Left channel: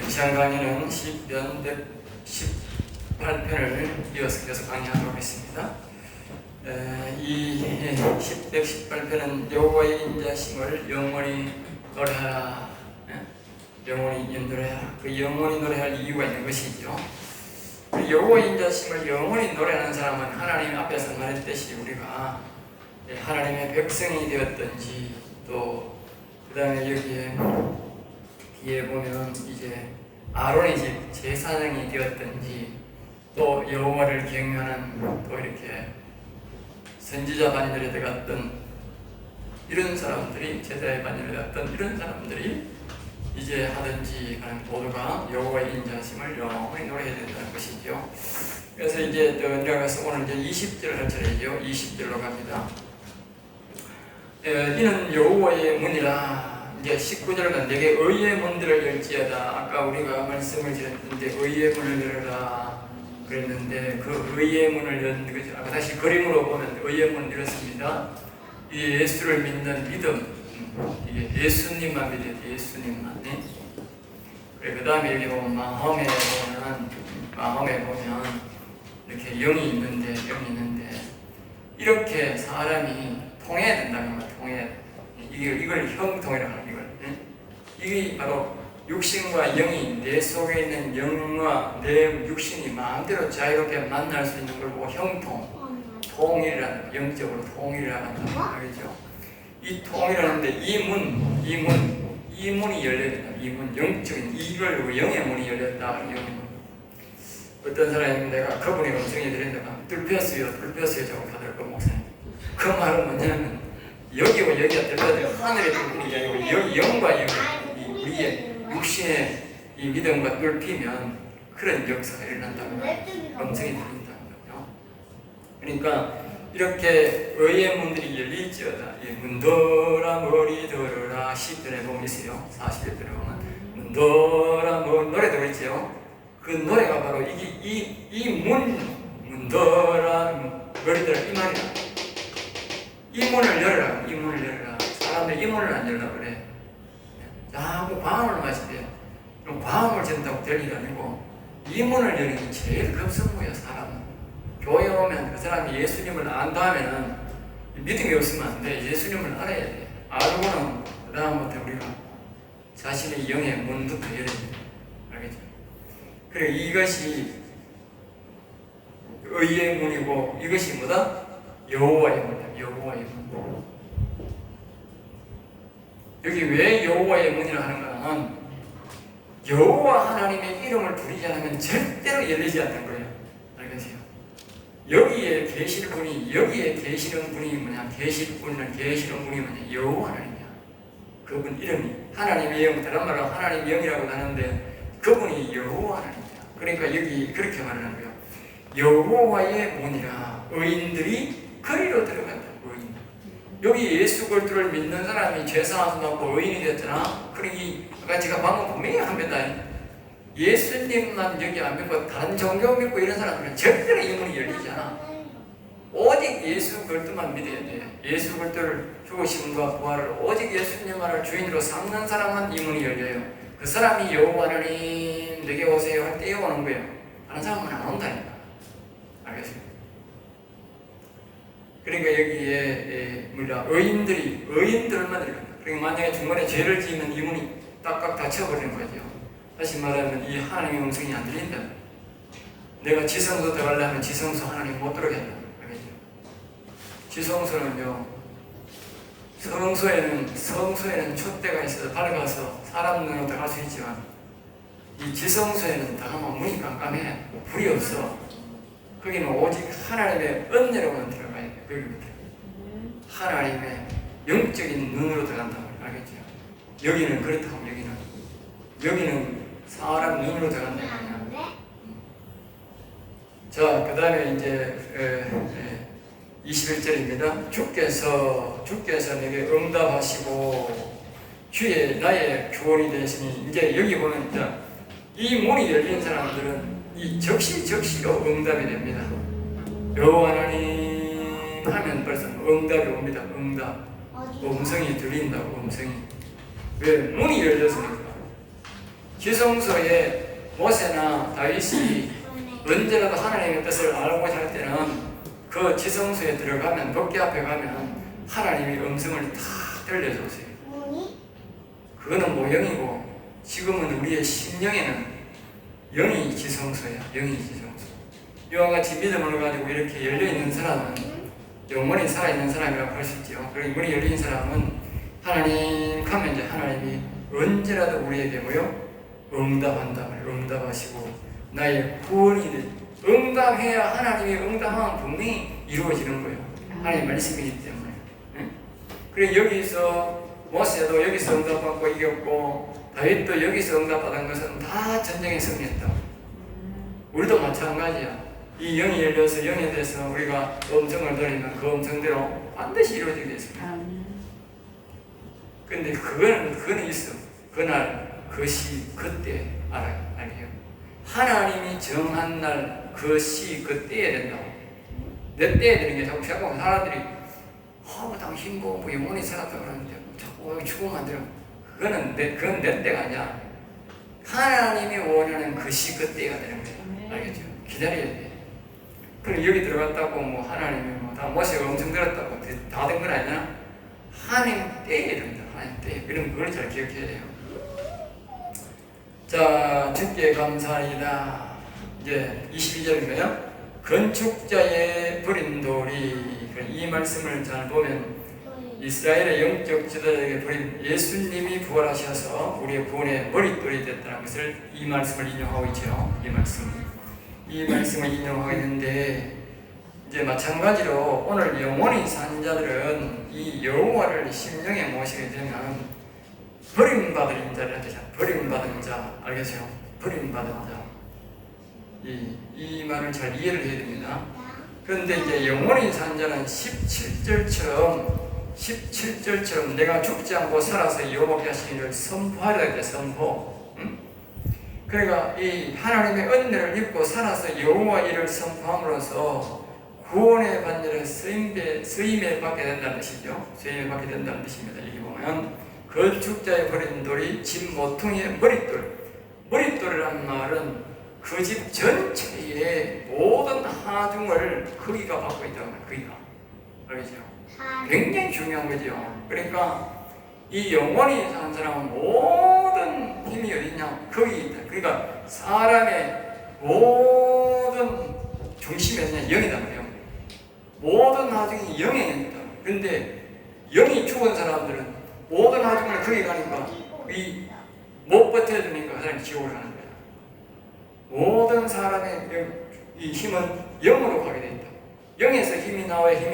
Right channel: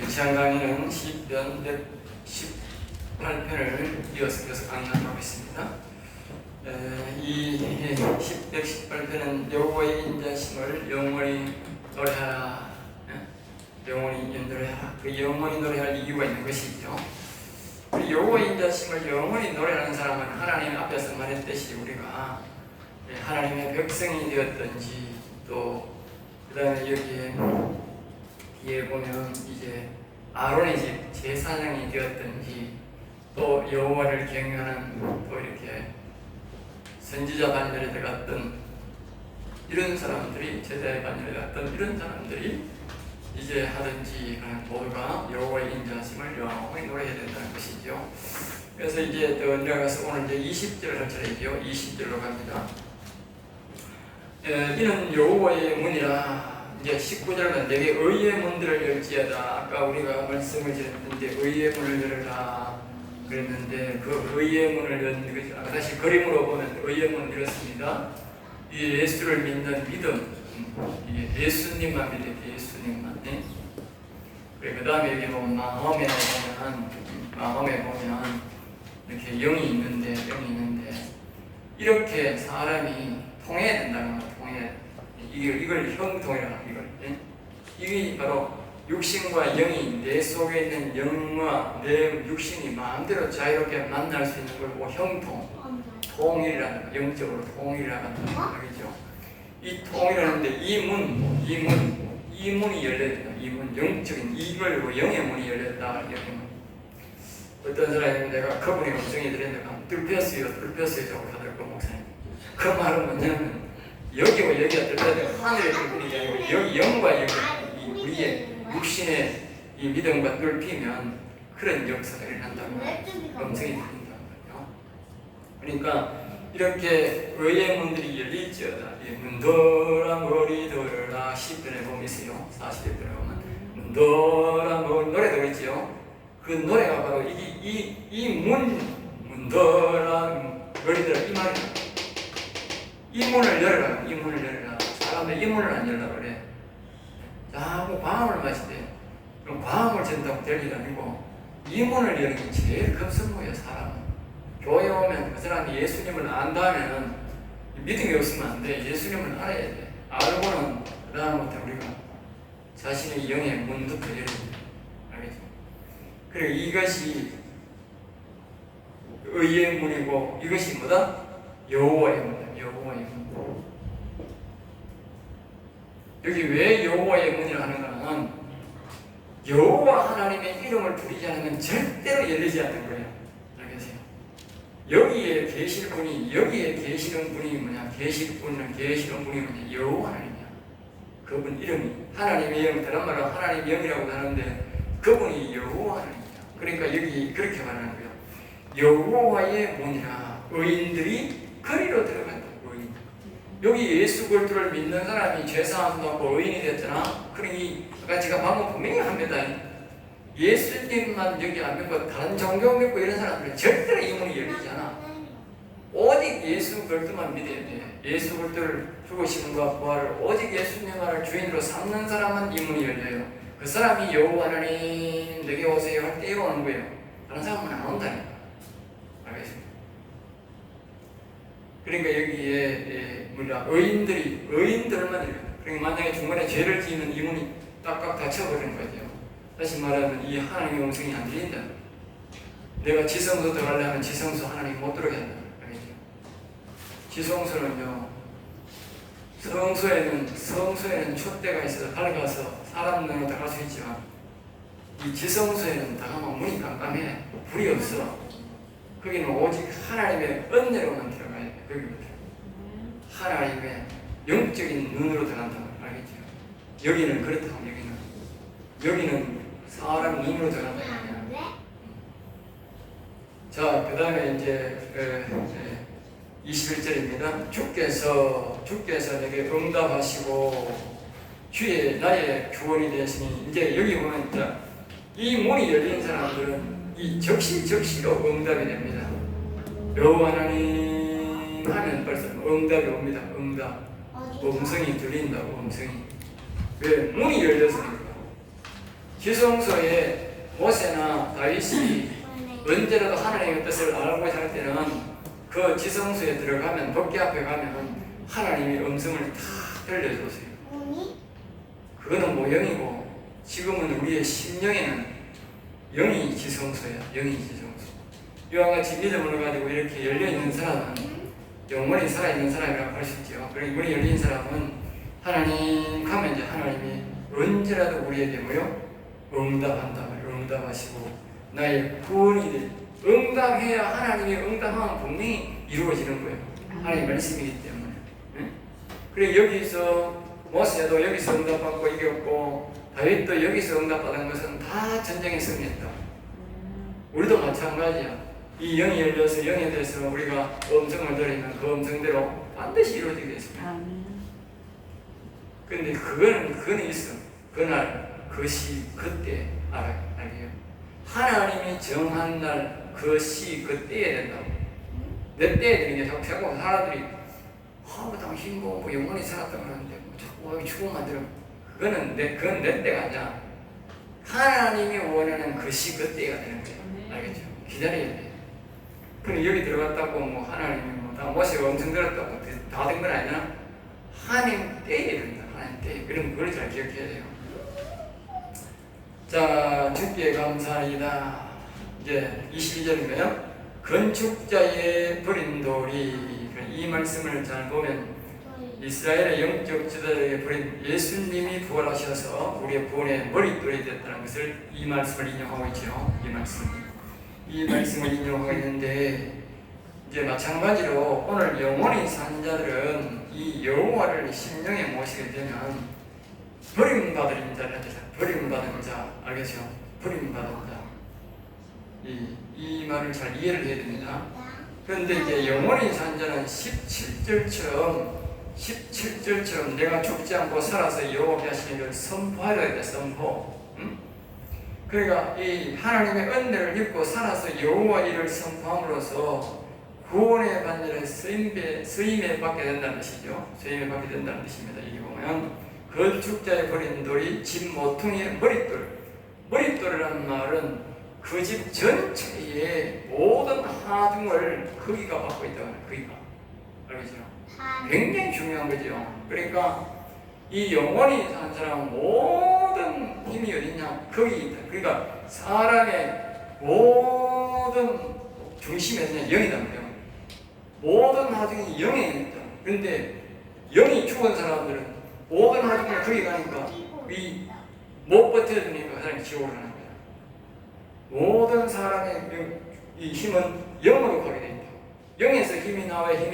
그 시간 강의는 10편 118편을 이어서 계속 강의하도록 하겠습니다. 에, 이 10, 118편은 여호와의 인자심을 영원히 노래하라 예? 영원히 노래하라 그 영원히 노래할 이유가 있는 것이죠. 그 여호와의 인자심을 영원히 노래하는 사람은 하나님 앞에서 말했듯이 우리가 예, 하나님의 백성이 되었든지 또 그 다음에 여기에 뒤에 보면 이제 아론의 집 제사장이 되었든지 또 여호와를 경외하는 또 이렇게 선지자 반열에 들어갔던 이런 사람들이 제자의 반열에 들어갔던 이런 사람들이 이제 하든지 그런 모두가 여호와의 인자심을 영원히 노래해야 된다는 것이죠. 그래서 이제 또 내려가서 오늘 이제 20절을 전체죠. 20절로 갑니다. 에, 이는 여호와의 문이라 이제 19절은 내게 의의 문들을 열지어다 아까 우리가 말씀을 드렸는데 의의 문을 열어라 그랬는데 그 의의 문을 여는 거죠 아까 다시 그림으로 보면 의의 문을 열었습니다 이 예수를 믿는 믿음 이게 예수님만 믿어요 예수님만 네? 그래 그 다음에 여기 보면 마음에 보면 마음에 보면 이렇게 영이 있는데 영이 있는데 이렇게 사람이 통해야 된다는 거 통해야 돼. 이걸, 형통이라고 하는? 이게 바로 육신과 영이 내 속에 있는 영과 내 육신이 마음대로 자유롭게 만날 수 있는 걸 보고 형통, 통일이라는 거, 영적으로 통일이라는 거 알겠죠? 이 통일하는데 이 문, 이 문, 이 문이 열려야 된다. 이 문, 영적인 이걸 보고 영의 문이 열렸다. 문. 어떤 사람이 내가 그분의 음성이 들었는데 뚫혔어요, 뚫혔어요. 저거 다들 그 목사님. 그 말은 뭐냐면 여기와 여기가 들려도 하늘에 뚫는 게 아니고 영, 영과 영, 이 우리의 육신의 이 믿음과 뚫히면 그런 역사가. 음성이 들린다는 거예요. 그러니까 이렇게 의의 문들이 열릴지어다. 이 문더라 머리 들어라 10편에 보면 있어요. 40편에 보면 문더라 머리 노래도 있죠. 그 노래가 바로 이 이문 문더라 머리 들어 이 말이야. 이 문을 열어라, 이 문을 열어라. 사람들 이 문을 안 열라 그래. 자꾸 광을 마시대. 그럼 광을 준다고 될일 아니고 이 문을 여는 게 제일 급선무예요, 사람은. 교회 오면 그 사람이 예수님을 안다면은 믿음이 없으면 안 돼. 예수님을 알아야 돼. 알고는 그 다음부터 우리가 자신의 영의 문부터 열어야 돼. 알겠죠? 그리고 이것이 의의 문이고 이것이 뭐다? 여호와의 문이다. 여호와의 문. 여기 왜 여호와의 문이라 하는가는 여호와 하나님의 이름을 부르지 않으면 절대로 열리지 않는 거예요. 알겠어요? 여기에 계실 분이 여기에 계시는 분이 뭐냐? 계실 분은 계시는 분이 뭐냐? 여호와 하나님이야. 그분 이름이 하나님의 영 다른 말로 하나님 영이라고 하는데 그분이 여호와 하나님이야. 그러니까 여기 그렇게 말하는 거예요. 여호와의 문이라 의인들이 거리로 들어간다. 여기 예수 그리스도를 믿는 사람이 죄사함 받고 의인이 됐잖아. 그러니 아까 제가 방금 분명히 합니다. 예수님만 여기 안 믿고 다른 종교 믿고 이런 사람들은 절대로 이 문이 열리지 않아. 오직 예수 그리스도만 믿어야 돼. 예수 그리스도를 죽으심과 부활을 오직 예수님만을 주인으로 삼는 사람만 이 문이 열려요. 그 사람이 여호와 하나님 내게 오세요 할 때 오는 거예요. 다른 사람은 안 온다니까. 알겠습니까? 그러니까 여기에 에, 뭐냐 의인들이 의인들만 이렇게 그러니까 만약에 중간에 죄를 지는 이문이 딱딱 닫혀버리는 거죠. 다시 말하면 이 하나님의 음성이 안 들린다. 내가 지성소 들어가려면 지성소 하나님 못 들어간다. 알겠죠? 지성소는요. 성소에는 성소에는 촛대가 있어서 밝아서 사람 눈으로 들어갈 수 있지만 이 지성소에는 들어가면 문이 깜깜해 불이 없어. 거기는 오직 하나님의 은혜로만 들어가야 돼. 거기부터 하나님의 영적인 눈으로 들어간다고 알겠죠? 여기는 그렇다고 여기는 여기는 사람 눈으로 들어간다고? 자, 그 다음에 이제 그, 21절입니다. 주께서 주께서 내게 응답하시고 주의 나의 구원이 되시니 이제 여기 보면 이제 이 문이 열린 사람들은 이 적시 적시로 응답이 됩니다. 여호와 하나님 하면 벌써 응답이 옵니다. 응답. 음성이 들린다고 음성이. 왜 문이 열렸으니까 지성소에 모세나 다윗이 언제라도 하나님의 뜻을 알고자 할 때는 그 지성소에 들어가면 법계 앞에 가면 하나님의 음성을 다 들려주세요. 그거는 모형이고 지금은 우리의 심령에는 영이 지성소야. 영이 지성소. 이와 같이 믿음을 가지고 이렇게 열려 있는 사람은 영원히 살아 있는 사람이라고 할 수 있죠. 그리고 문이 열린 사람은 하나님 하면 이제 하나님이 언제라도 우리에게 뭐요? 응답한다. 응답하시고 나의 구원이 돼. 응답해야 하나님의 응답하면 분명히 이루어지는 거예요. 하나님 말씀이기 때문에. 응? 그리고 여기서 모세도 여기서 응답받고 이겼고 다윗도 여기서 응답받은 것은 다 전쟁에 승리했다. 우리도 마찬가지야. 이 영이 열려서 영에 대해서 우리가 음성을 들으면 그 음성대로 반드시 이루어지게 돼 있습니다. 근데 그거는 그거는 있어. 그날 그 시 그때 알아 알게요. 하나님이 정한 날 그 시 그때에 된다고. 내 때에 되는 게 자꾸 자꾸 사람들이 아 뭐 당신 뭐, 뭐 영원히 살았다는데 뭐 자꾸 왜 죽으면 안 되나? 그거는 내 그건 내 때가 아니야. 하나님이 원하는 그 시 그 때가 되는 거예요. 알겠죠? 기다려야 돼. 그럼 여기 들어갔다고 뭐 하나님이 뭐다 모세가 엄청 들었다고 다 된 건 아니야. 하나님 때에 된다. 하나님 때. 그럼 그걸 잘 기억해야 돼요. 자, 주께 감사이다. 이제 22절인가요? 건축자의 버린 돌이 이 말씀을 잘 보면 이스라엘의 영적 지도자에게 버린 예수님이 부활하셔서 우리의 구원의 머릿돌이 됐다는 것을 이 말씀을 인용하고 있죠. 이 말씀. 이 말씀을 인용하고 있는데 이제 마찬가지로 오늘 영원히 산 자들은 이 여호와를 심령에 모시게 되면 버림받은 자를 하자. 버림받은 자 알겠어요? 버림받은 자. 이, 이 말을 잘 이해를 해야 됩니다. 그런데 이제 영원히 산 자는 17절처럼 17절처럼 내가 죽지 않고 살아서 여호와께 하시는 걸 선포하려 돼 선포. 응? 그러니까 이 하나님의 은혜를 믿고 살아서 여호와 일을 선포함으로써 구원의 반열에 쓰임에, 쓰임에 받게 된다는 뜻이죠. 쓰임에 받게 된다는 뜻입니다. 여기 보면 그 죽자의 버린 돌이 집 모퉁이의 머릿돌. 머릿돌이라는 말은 그 집 전체의 모든 하중을 거기가 받고 있다고 해요. 거기가. 알겠죠? 굉장히 중요한 거죠. 그러니까 이 영원히 산 사람은 모든 힘이 어디냐? 거기 있다. 그러니까 사람의 모든 중심에 그냥 영이다. 영. 모든 하중이 영에 있다. 그런데 영이 죽은 사람들은 모든 하중을 거기 가니까 이 못 버텨주니까 사람이 지옥을 가는 거야. 모든 사람의 이 힘은 영으로 가게 된다. 영에서 힘이 나와 힘이